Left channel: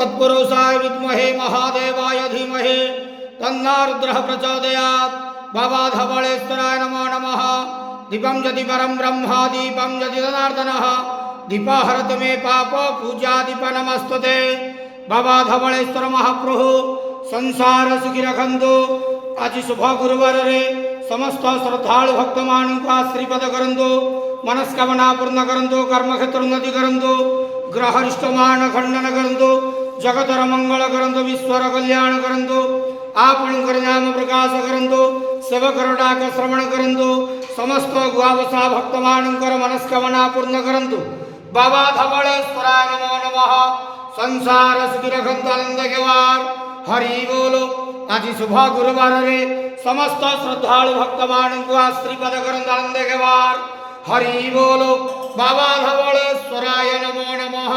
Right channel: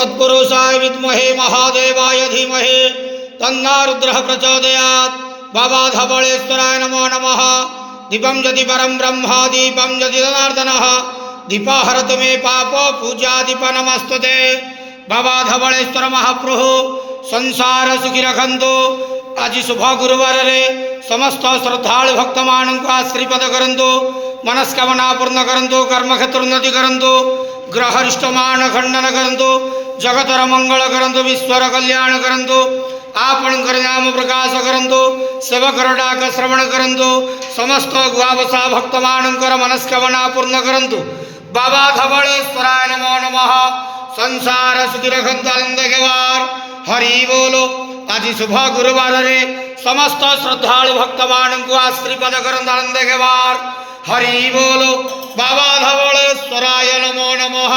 तत्पुरुषाय विद्महे महादेवाय धीमहि तन्नो रुद्रः प्रचोदयात्। बाबा धवळेश्वराय नमो नमः। दीपं यदि परं ब्रह्म दीपं यदि जनार्दनः दीपाहरतु मे पापो पूजा दीप नमस्तुते। बाबा धवळेश्वर महाप्रभु संसार सुखी रखंतु। आज शुभ गुरुवार रे समस्त श्रद्धालु भक्त मान को आशीर्वाद करंतु, मनस्कामना पूर्ण करंतु, कर्म क्षेत्र उन्नति करंतु, ग्रहरिष्ट मान खंडन करंतु, जगतर मंगल करंतु, विश्वर कल्याण करंतु, आपण नाम प्रकाश करंतु, सेवकर डाक श्रवण करंतु, समस्त गुआवसा भक्त मानकर मनस्कामना पूर्ण करंतु। बाबा धवळेश्वराय नमो नमः। संसार सुखी रखंतु आनंद केवार। हरि बोलो। आज शुभ गुरुवार रे समस्त श्रद्धालु भक्त मान को आशीर्वाद करंतु आनंद केवार। हरि बोलो। बाबा धवळेश्वराय नमो नमः।